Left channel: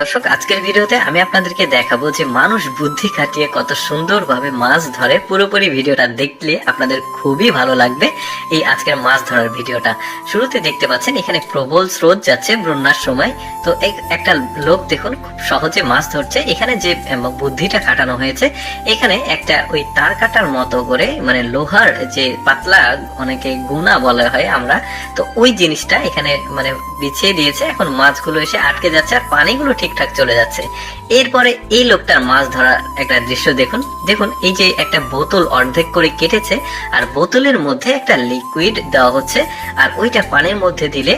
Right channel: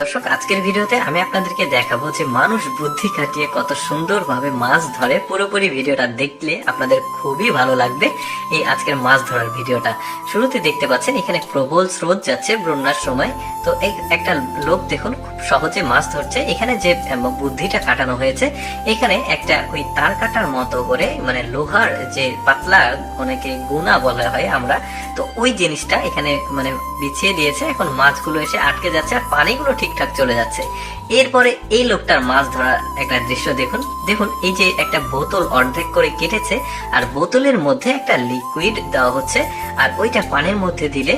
দর্শক, আজকের ভিডিওতে আমি আপনাদেরকে দেখাবো যে মানুষ বুদ্ধি খাটিয়ে কত সুন্দরভাবে মাছ ধরে। পুরোপুরি ভিডিওটা দেখলে আপনাদের খুবই ভালো লাগবে। এই আজকের মাছ ধরার ভিডিওটা শুরুতে দেখতে পাচ্ছেন এখানে প্রবল স্রোত যাচ্ছে বন্যার সময়। তো একটা লোক দেখুন খুব সহজে মাছ ধরছে। এখানে যে বুদ্ধিটা খাটানো হয়েছে, এখানে একটা ওই তার কাটার মতো করে মানে লোহার যে পাতলা অনেকে গুণা বলা হয় আমরা, তো ওই জিনিসটা এখানে মানে বিছিয়ে দিয়েছে। এখন মাছগুলো এসে আটকে যাচ্ছে আর পানিগুলো ঠিকঠাক চলে যাচ্ছে। এরপরে এই লোকটার মাছ ধরার একটা দৃশ্য দেখুন। দেখুন এই যে একটা বোতল অর্ধেক করে কেটেছে আর বোতলের মধ্যে একটা লিকুইড দেওয়া হচ্ছে, আর ওইটা পানির মধ্যে দিলে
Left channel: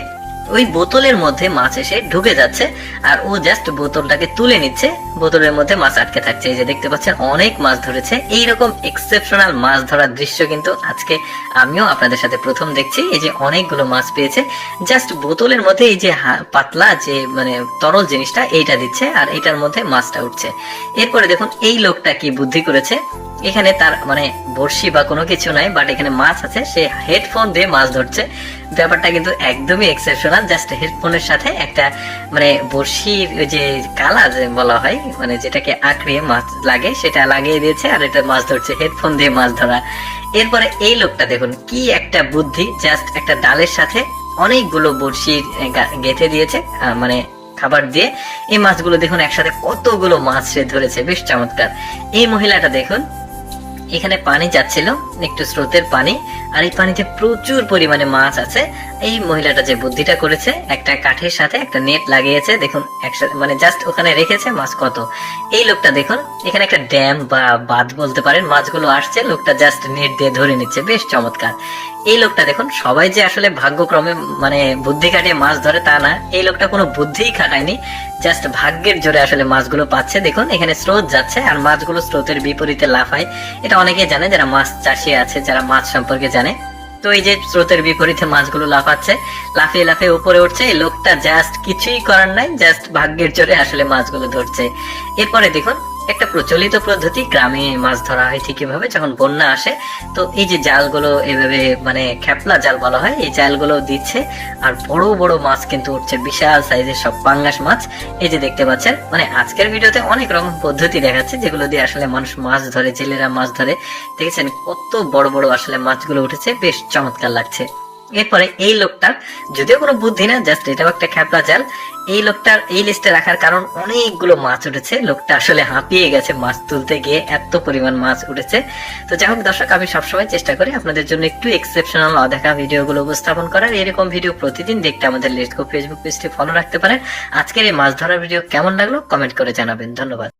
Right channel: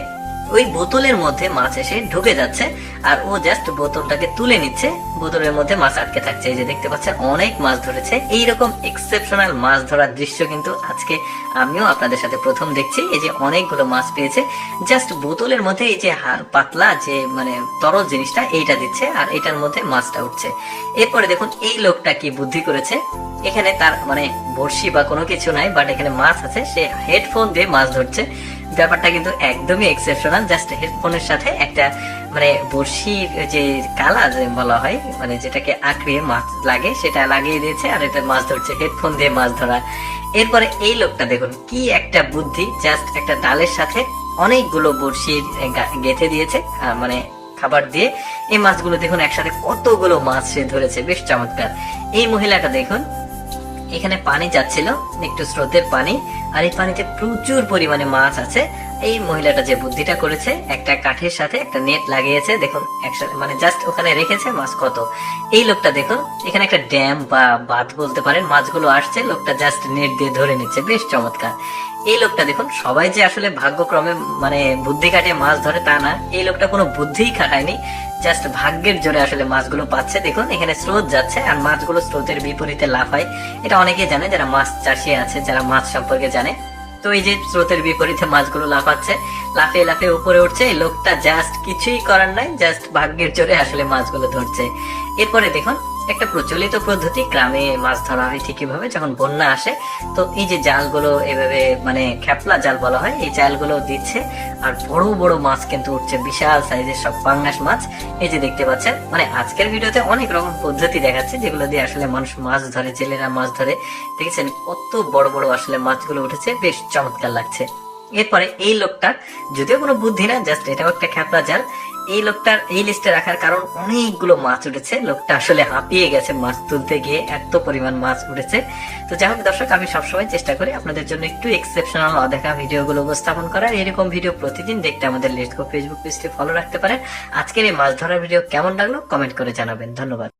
ওই বোতলের মধ্যে মাছ এসে ঢুকে যাচ্ছে আর ও জাস্ট বোতলটাকে তুলে নিচ্ছে। বোতলের মধ্যে মাছ আটকে থাকছে। এই যে দেখতে পাচ্ছেন অনেক মাছ ধরেছে। এইরকম এক্সেপশনাল মাছ ধরার দৃশ্য কিন্তু আজকে আমিও আপনাদের সাথে প্রথম দেখছি। এই যে অনেকগুলো মাছ পেয়েছে, জাস্ট বোতলের মধ্যে এই যে পাতলা যে মানে তরল জিনিসটা এইটা দিচ্ছে আর এটার মধ্যে মাছটা উঠছে। এরপরে দেখুন এই লোকটা কি বুদ্ধি করেছে। এখানে তার মানে বড়শি বা কোনো কিছু নাই, বাট এখানে মাছ আছে। সে হেডফোন দিয়ে মাছ ধরছে। ব্যাপারটা কিন্তু একদমই এক্সেপশনাল। জাস্ট হেডফোনের সাথে একটা মানে বড়শির যে কালা যে বলা হয় মানে যেটাকে আঁকড়ে মাছ লাগে সেটা লাগিয়ে দিয়েছে আর এটা মাছ ধরছে হেডফোন দিয়ে মাছ ধরা। এরপরে এই লোকটা দেখুন কি একটা বুদ্ধি, জাস্ট একটা ডালের সাথে অনেকগুলো বড়শির গেঁথে দিয়েছে মানে খাবার দিয়ে। এই মাছগুলো দেখুন একসাথে কতগুলো মাছ সে ধরেছে, বেশ চমৎকার। এই মহিলাটা দেখুন এখানে পানি যাচ্ছিল, একটু স্রোতের পানি, আর এই পানিতে প্রচুর পরিমাণে মাছ আছে। এই মহিলাটা যে বুদ্ধিটা করেছে, একটা কাঠের সাথে একটা নেট লাগিয়েছে, দেখুন একসাথে মানে জাস্ট ওখানে রেখেছে মাছ কত। এই লোকটা দেখুন এখানে একটা ড্যাম বা বাঁধ বলতে পারেন, মাছগুলো আসছে, লোকটা জাস্ট নেট দিয়ে ধরে নিচ্ছে, বেশ চমৎকার। এই লোকটা দেখুন সবাই যে আসলে ভাগ্যক্রমে মানে বুদ্ধি খাটিয়ে মাছ ধরে তা না, এই লোকটা কোনো বুদ্ধিই খাটায়নি, জাস্ট ভাগ্যের জোরে আসলে মাছগুলো পাচ্ছে। দেখুন এখানে স্রোত যাচ্ছে আর মাছগুলো স্রোতের বিপরীতে লাফায়। এটা অনেকেই জানে যারা মাছ চাষি আছে, যারা মাছ সম্পর্কে জানে। তো এই যে স্রোতের বিপরীতে মাছগুলো লাফাচ্ছে, লাফিয়ে লাফিয়ে উপরে উঠছে। এই লোকটা জাস্ট কিছুই করার নাই, জাস্ট ভাগ্যের জোরে আসলে মাছগুলো ধরছে। এরপরে দেখুন একটা প্রচলিত পদ্ধতি, গ্রামে মাছ ধরা হয় ঠিক এভাবে যখন বন্যা আসে। তো এই যে জালগুলো এভাবে মানে খেপলা জাল বলা হয়, এই জালগুলো দিচ্ছে আর বড় বড় মাছ কিন্তু উঠছে, বিশাল সাইজের সব পাঙ্গাস মাছ। এই যে দেখতে পাচ্ছেন মানে আজকের ভিডিওতে অনেক রকম পদ্ধতি দেখাচ্ছে যেগুলো দিয়ে আসলে মানুষ মাছ ধরে, জেলেরা মাছ ধরে। দেখেছেন কত বড় বড় আসলে মাছগুলো উঠেছে, বেশ চমৎকার লাগছে। এরপরে এই লোকটার যদিও কোনো বুদ্ধি না, জাস্ট এটাও একটা খেপলা জাল। এই লোকটার এই লিস্টে রাখার কারণ অনেকগুলো মাছ উঠেছে, লোকটা আসলে হাঁপিয়ে গেছে মাছ তুলতে গিয়ে, এত পরিমাণ মাছ উঠেছে। তো যাই হোক দর্শক, আমি সবসময় চেষ্টা করি আপনাদের জন্য একটু এক্সেপশনাল অদেখা ভিডিওগুলো উপস্থাপন করার। এরকম ভিডিও প্রতিদিন দেখতে আমাদের লেটস গো ফেসবুক পেজটি ফলো রাখতে পারেন। আজকের এই মাছ ধরার ভিডিও কেমন লাগলো কমেন্ট করে জানাবেন। ধন্যবাদ।